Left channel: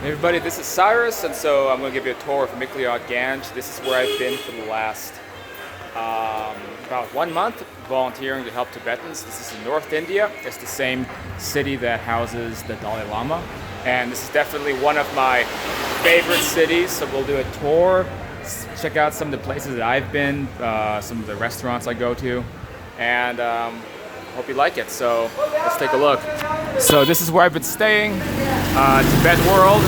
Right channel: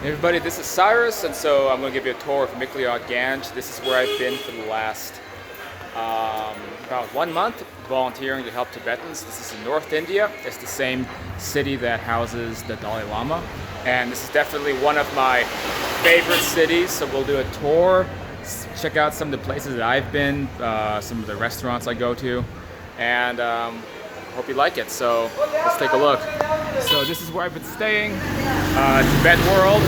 Hey everybody, this is Cyrus, and so I'm going to give you a tour of Mcleod Ganj. This is where I've been for the last about 1 month, volunteering to help Tibetans. This is in North India. It's the same city that houses the Dalai Lama, and this is definitely one of my favorite cities. So we'll do a tour, check out some of the places that I've been, some of the restaurants I go to, and hope you like it. So let's take a look. So this is where I've been staying, Tibet World.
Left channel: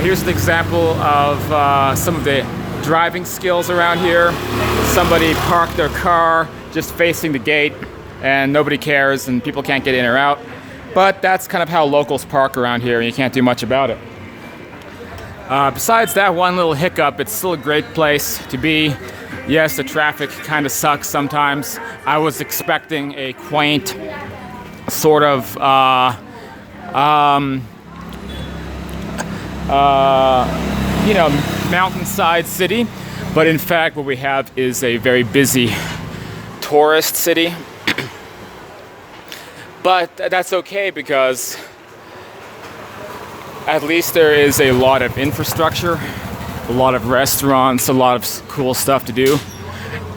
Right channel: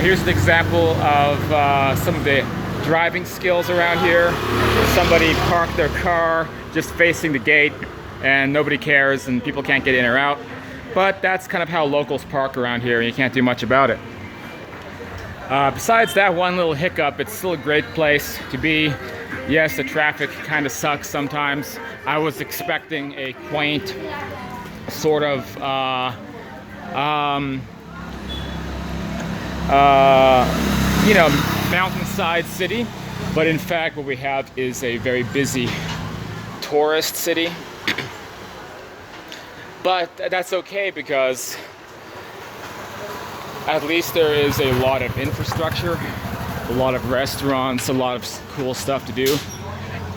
Here's an example of some of the driving skills around here. Somebody parked their car just facing the gate and nobody cares and people can't get in or out. But that's kind of how locals park around here and you can't do much about it. Besides that one little hiccup, it's still a great place to be. Yes, the traffic kind of sucks sometimes. I was expecting a quaint sort of mountainside city, but in fact what we have is a very busy tourist city. But that's okay because at least there is a lot of infrastructure, a lot of restaurants, a lot of cool stuff to do,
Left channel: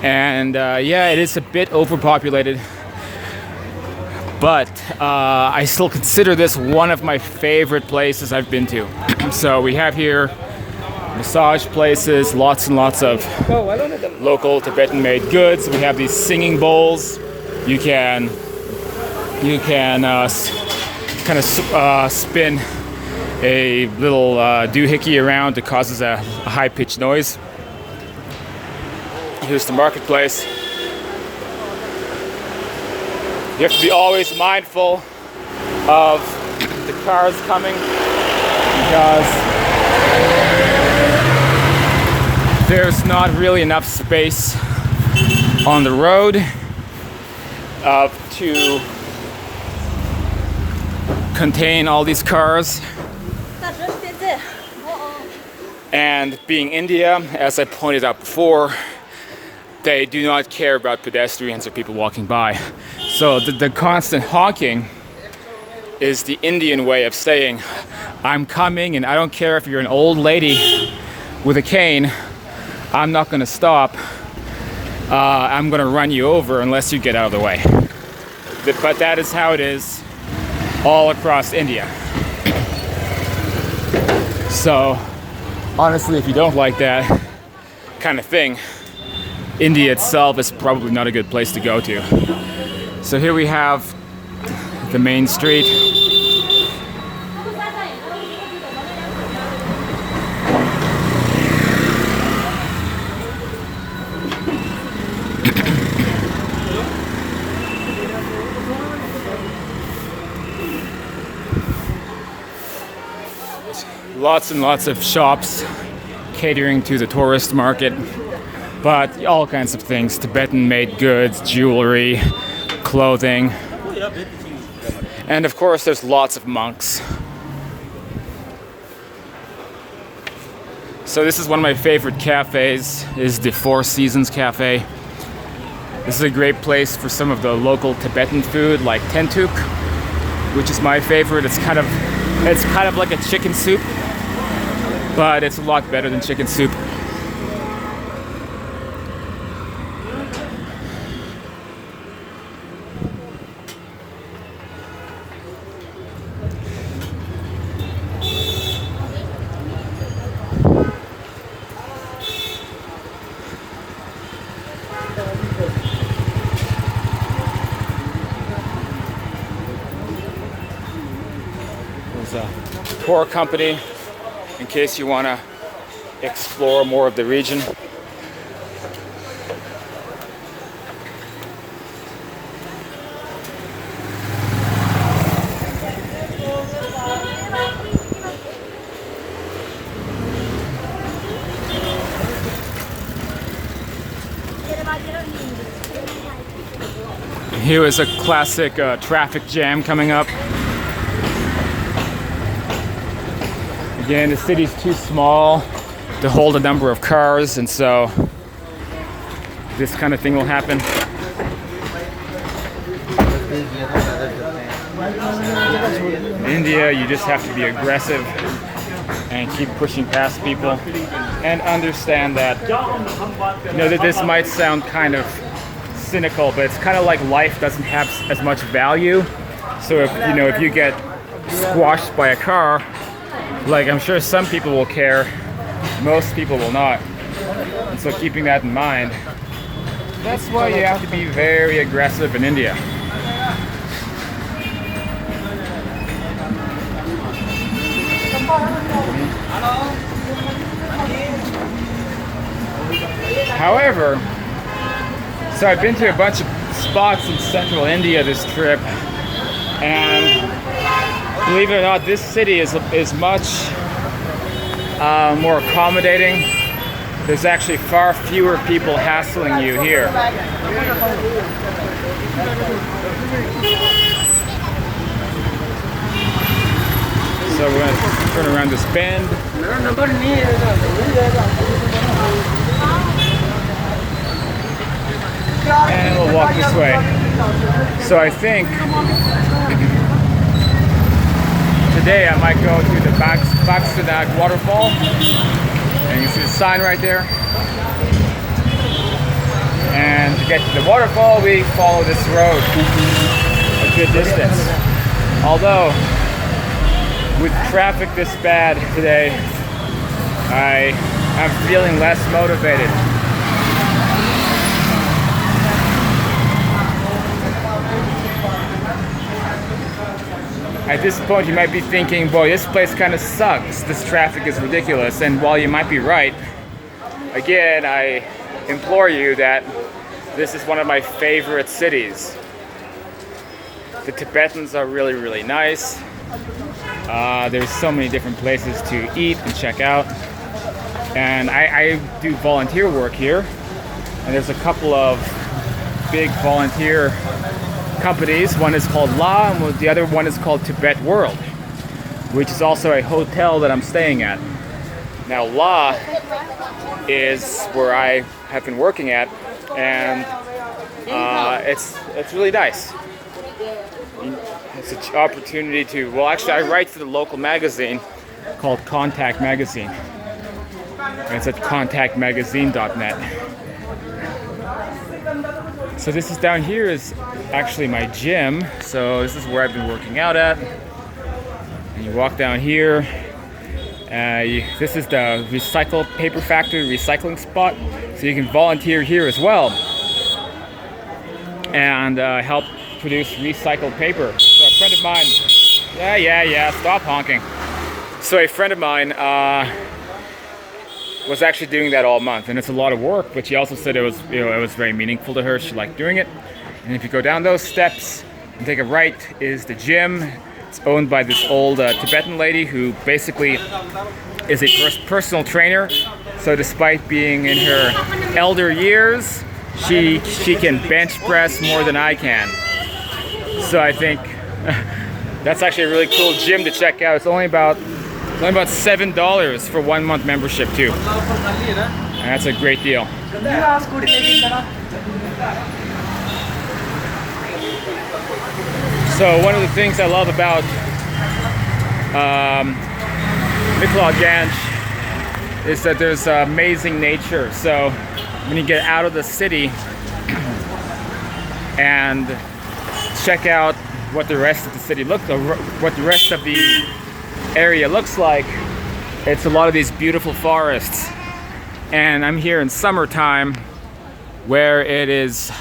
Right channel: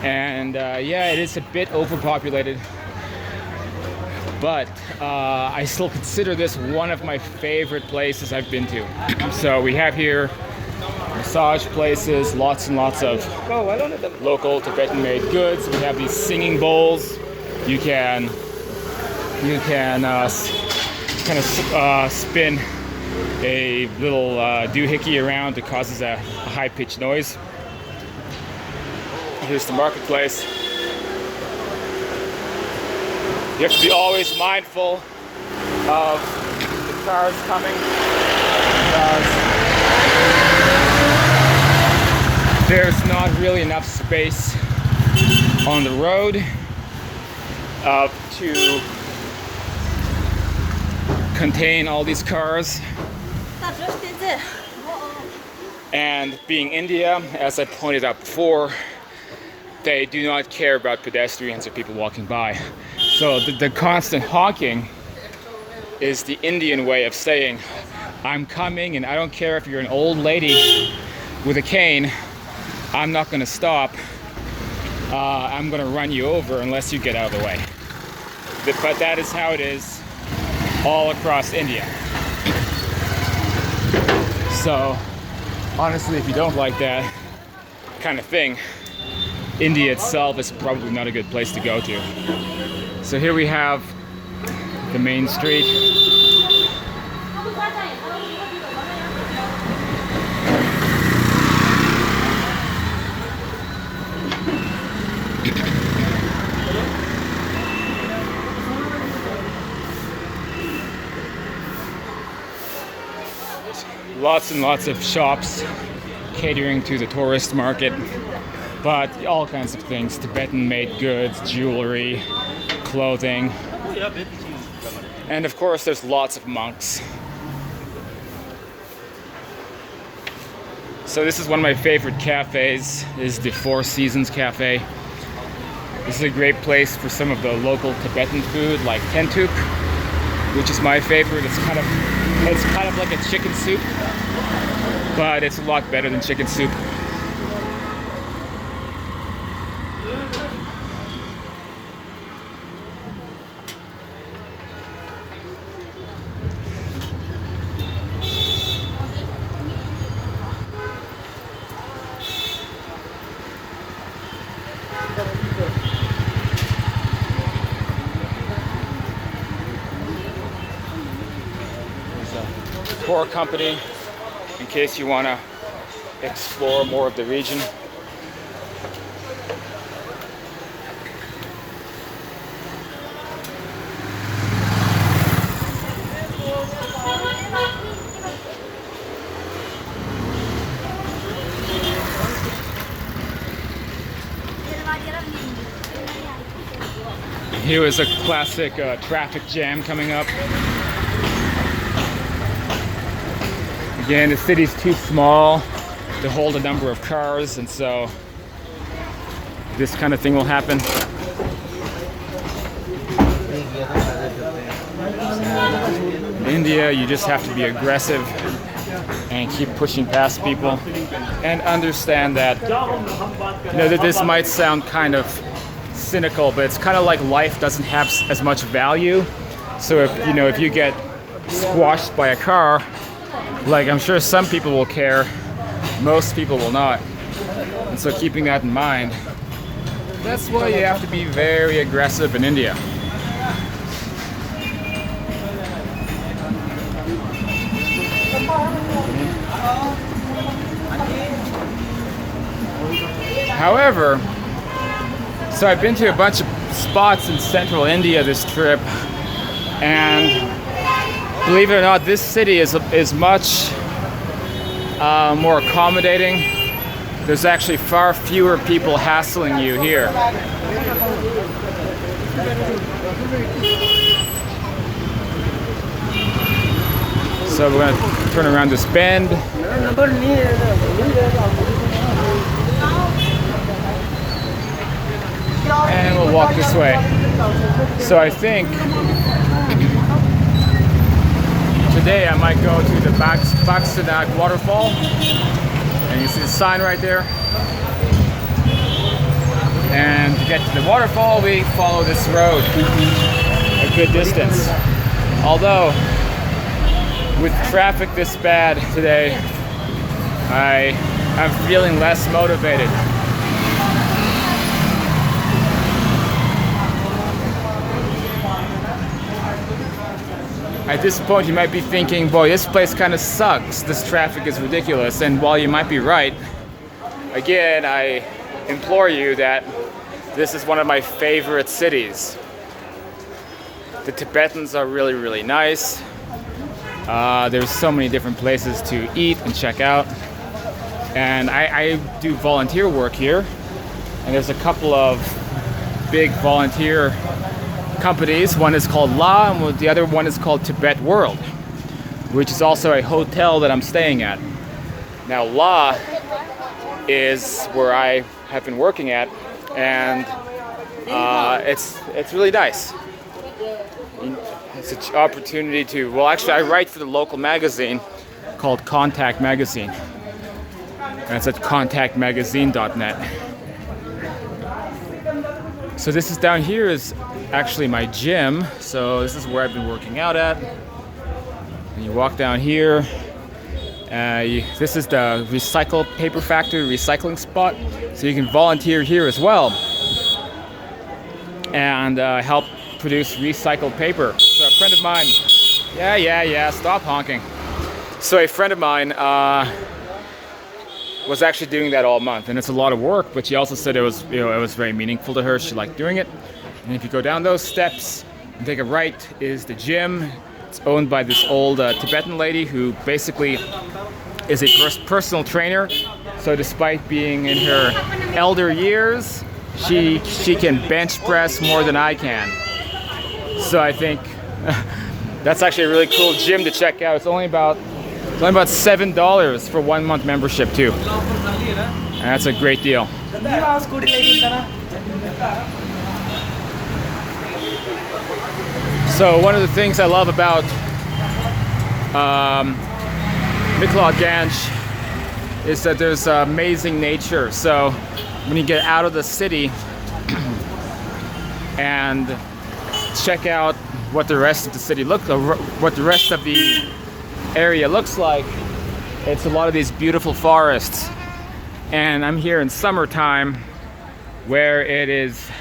and yeah, it is a bit overpopulated. But I still consider this one of my favorite places I've been to. So we have here massage places, lots and lots of local Tibetan-made goods. We have these singing bowls. You can kind of spin a little doohickey around that causes a high-pitched noise. Here's the marketplace. You have to be always mindful of the cars coming because there's not really enough space on the road to contain all these cars. And being India, as I pointed out before, they do not care about pedestrians or people walking by. So the constant honking is the Indian way of saying, I'm coming and I don't care if you're an old lady with a cane, I'm not gonna stop. I'm gonna run you over unless you get out of the way. But that is how it is all across India. So honestly, if you don't like that kind of thing, India itself is probably not a good place to go to. So here we have the main street. Lots and lots of shops catering to the tourist market, but all kinds of things, Tibetan-made goods, jewelry, clothing, and of course there's lots of monks. So this is one of my favorite cafes, is the Four Seasons Cafe. This is a great place for some of the local Tibetan food like tentuk, which is my favorite. It's kind of like a chicken soup, but it's a lot better than chicken soup. There's a tour company in case you want to explore more of the region. Here is a classic traffic jam coming up. Again, the city's too small to hold a number of cars, and so this kind of thing will happen. In India, you just have to be aggressive and keep pushing past people, and understand that, you know, that this might sound kind of cynical, but it's kind of like life doesn't have as much value. So if, you know, if you get squashed by a car, like, I'm sure some people will care, most people will not. And so keeping that in mind, that's why you have to be very aggressive in India. However, so I've been to a bunch of spots in central India this trip, and believe it or not, this city is much more accommodating. There's actually far fewer people hassling you here. So we're going to turn around this bend. And we'll walk this way. So I think today I might go to the Mcleod Waterfall. And you see the sign right there. And to get to the waterfall, we follow this road a good distance. Although, with traffic this bad today, I'm feeling less motivated. At this point, you might be thinking, boy, this place kind of sucks. This traffic is ridiculous. And while you might be right, again, I implore you that this is one of my favorite cities. The Tibetans are really, really nice. There's so many different places to eat and check out. And I do volunteer work here. And there's a couple of big volunteer companies. One is called La, and the other one is called Tibet World, which is also a hotel that I'm staying at. Now, La is where I have been working at, and it's really nice. It's an opportunity to, well, actually, I write for the local magazine called Contact Magazine, and it's at contactmagazine.net. So this is down here is actually my gym. So this is where I've been working out at. And you walk down here. This is the Recycle Paper Factory recycling spot. So you can volunteer here as well and help produce recycled paper. So a friend of mine, yeah, stop honking. So a friend of mine was actually doing that all month, and it's a lot of work, but she also said it was, you know, it was very meaningful to her. She liked doing it. And if you go down those steps and take a right is the gym. It's owned by this old Tibetan lady who basically is a personal trainer. So despite being in her elder years, she can bench press more than I can. So I think that's actually a really cool gym to check out. It's only about $7 for 1 month membership too. And that's a great deal. So one of the things I love about Mcleod Ganj is that there's amazing nature. So when you get out of the city and check out what the rest of the city what the rest of the area looks like, it's a lot of these beautiful forests. And I'm here in summertime where it is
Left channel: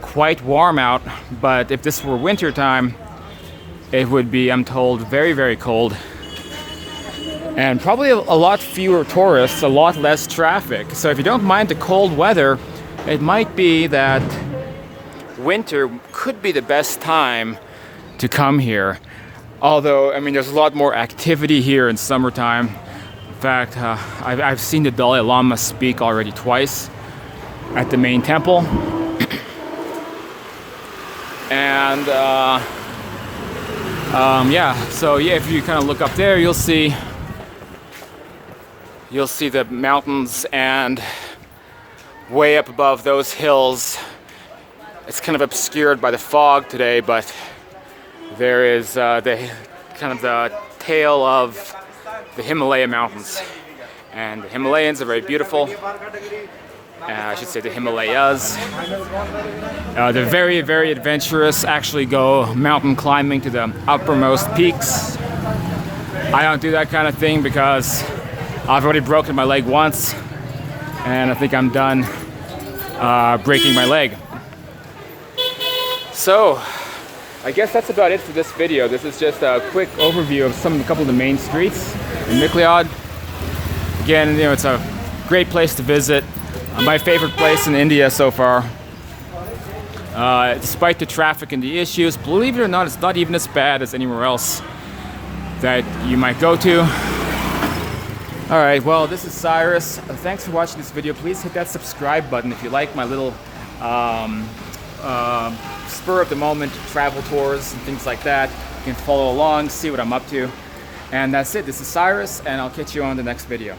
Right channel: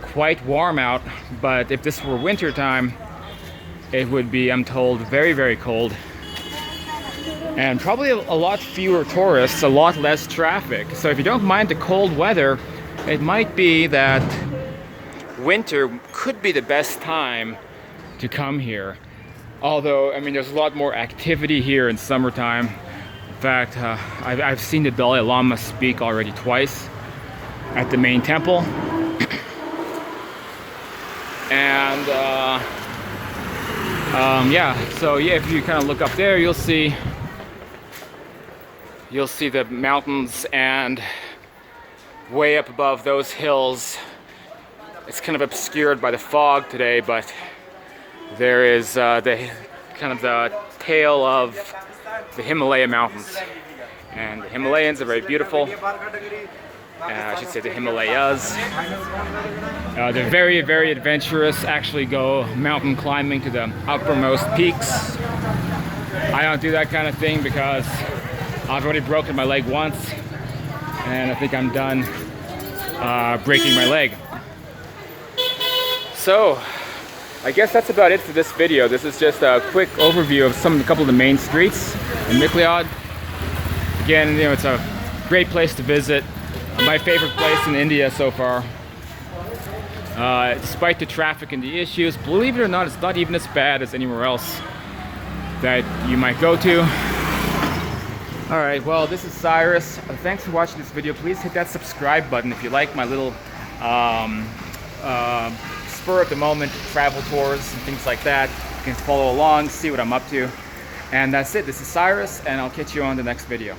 quite warm out, but if this were winter time, it would be, I'm told, very, very cold. And probably a lot fewer tourists, a lot less traffic. So if you don't mind the cold weather, it might be that winter could be the best time to come here. Although, I mean, there's a lot more activity here in summertime. In fact, I've seen the Dalai Lama speak already twice at the main temple. And so yeah, if you kind of look up there, you'll see the mountains, and way up above those hills, it's kind of obscured by the fog today, but there is the tail of the Himalaya mountains. And the Himalayas are very beautiful. I should say the Himalayas. They're very, very adventurous. Actually go mountain climbing to the uppermost peaks. I don't do that kind of thing because I've already broken my leg once, and I think I'm done breaking my leg. So, I guess that's about it for this video. This is just a quick overview of a couple of the main streets in Mcleod. Again, you know, it's a great place to visit. My favorite place in India so far. Despite the traffic and the issues, believe it or not, it's not even as bad as anywhere else that you might go to. Alright, well, this is Cyrus. Thanks for watching this video. Please hit that subscribe button if you like my little spur of the moment travel tours and things like that. You can follow along, see what I'm up to. And that's it. This is Cyrus, and I'll catch you on the next video.